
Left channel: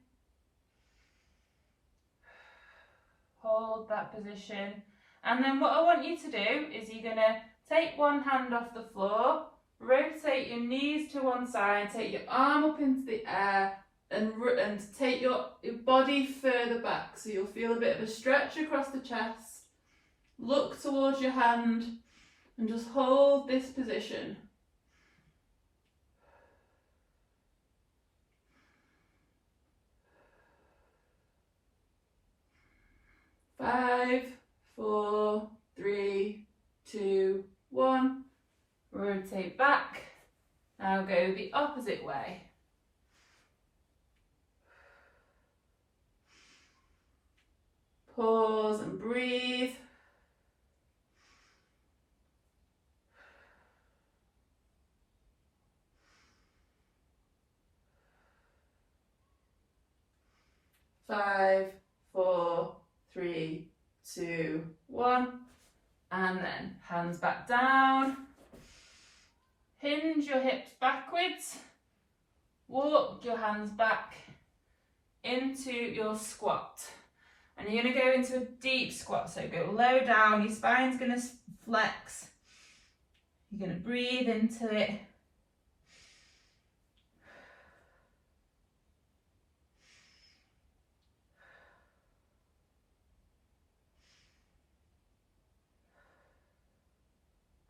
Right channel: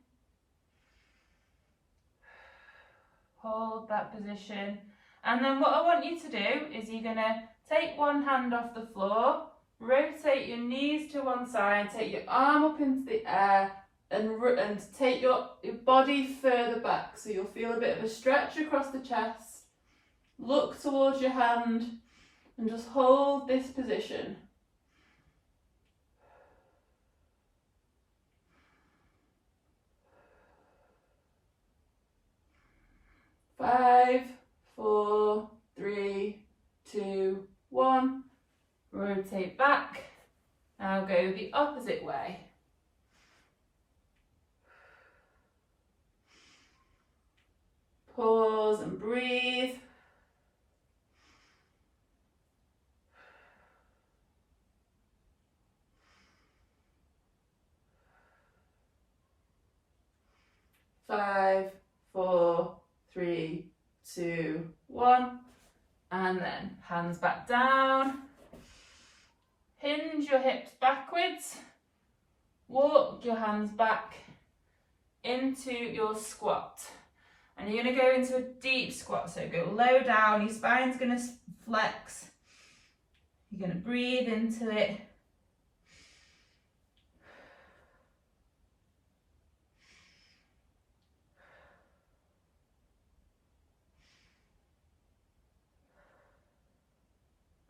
Hold that position. And then what I want you to do is you're going to take one hand off the floor, rotate your knees to one side, take your arm up into the air and take your body further back. So you'll feel a bit of a stretch across the chest. Look towards your hand and just hold this position. Five, 4, 3, 2, 1. Rotate back. Now go the opposite way. Pause and breathe. Five, 4, 3, 2, 1. And then hands back down. Hinge your hips backwards. Walk your hands back into your squat. And you're going to go into a deep squat. So go low down, your spine's going to flex. You're going to breathe into it.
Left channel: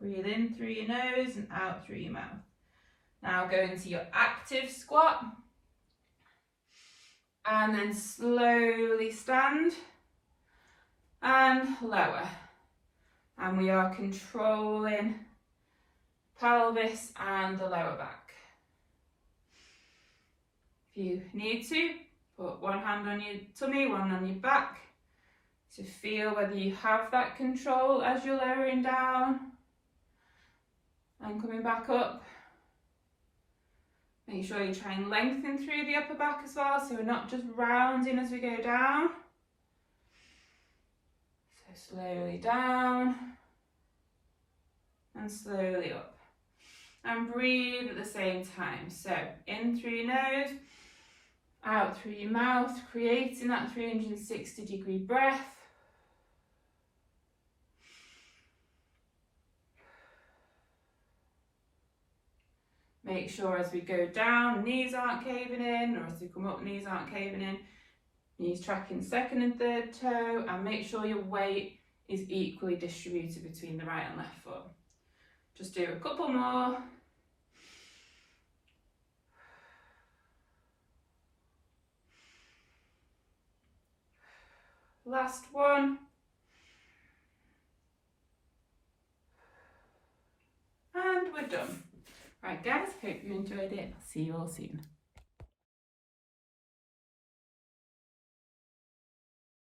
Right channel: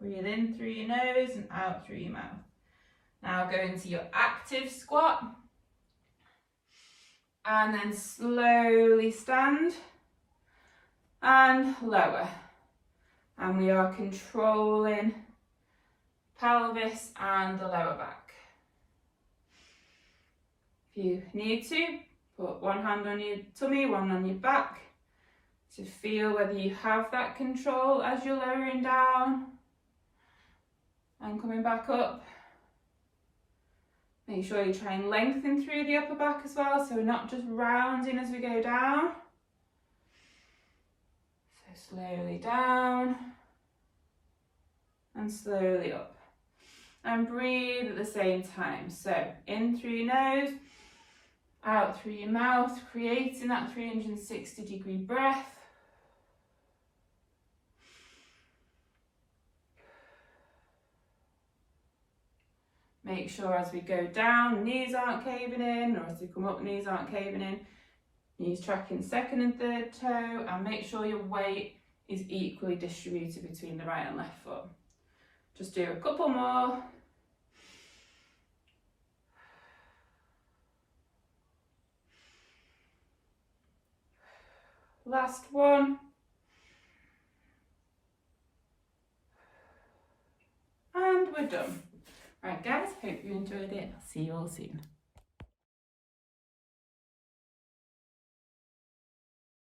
Breathe in through your nose and out through your mouth. Now go into your active squat. And then slowly stand and lower. And we are controlling pelvis and the lower back. If you need to, put one hand on your tummy, one on your back, to feel whether you have that control as you're lowering down and coming back up. Make sure you try and lengthen through the upper back as well, so we're not just rounding as we go down. So slowly down and slowly up. And breathe at the same time. So in through your nose, out through your mouth, creating that 360-degree breath. Make sure as we go down, knees aren't caving in, or as we come up, knees aren't caving in. Knees tracking second and third toe, and make sure your weight is equally distributed between the right and left foot. Just do a couple more. Last one. And we're done. Right guys, hope you enjoyed it. I'll see you all soon.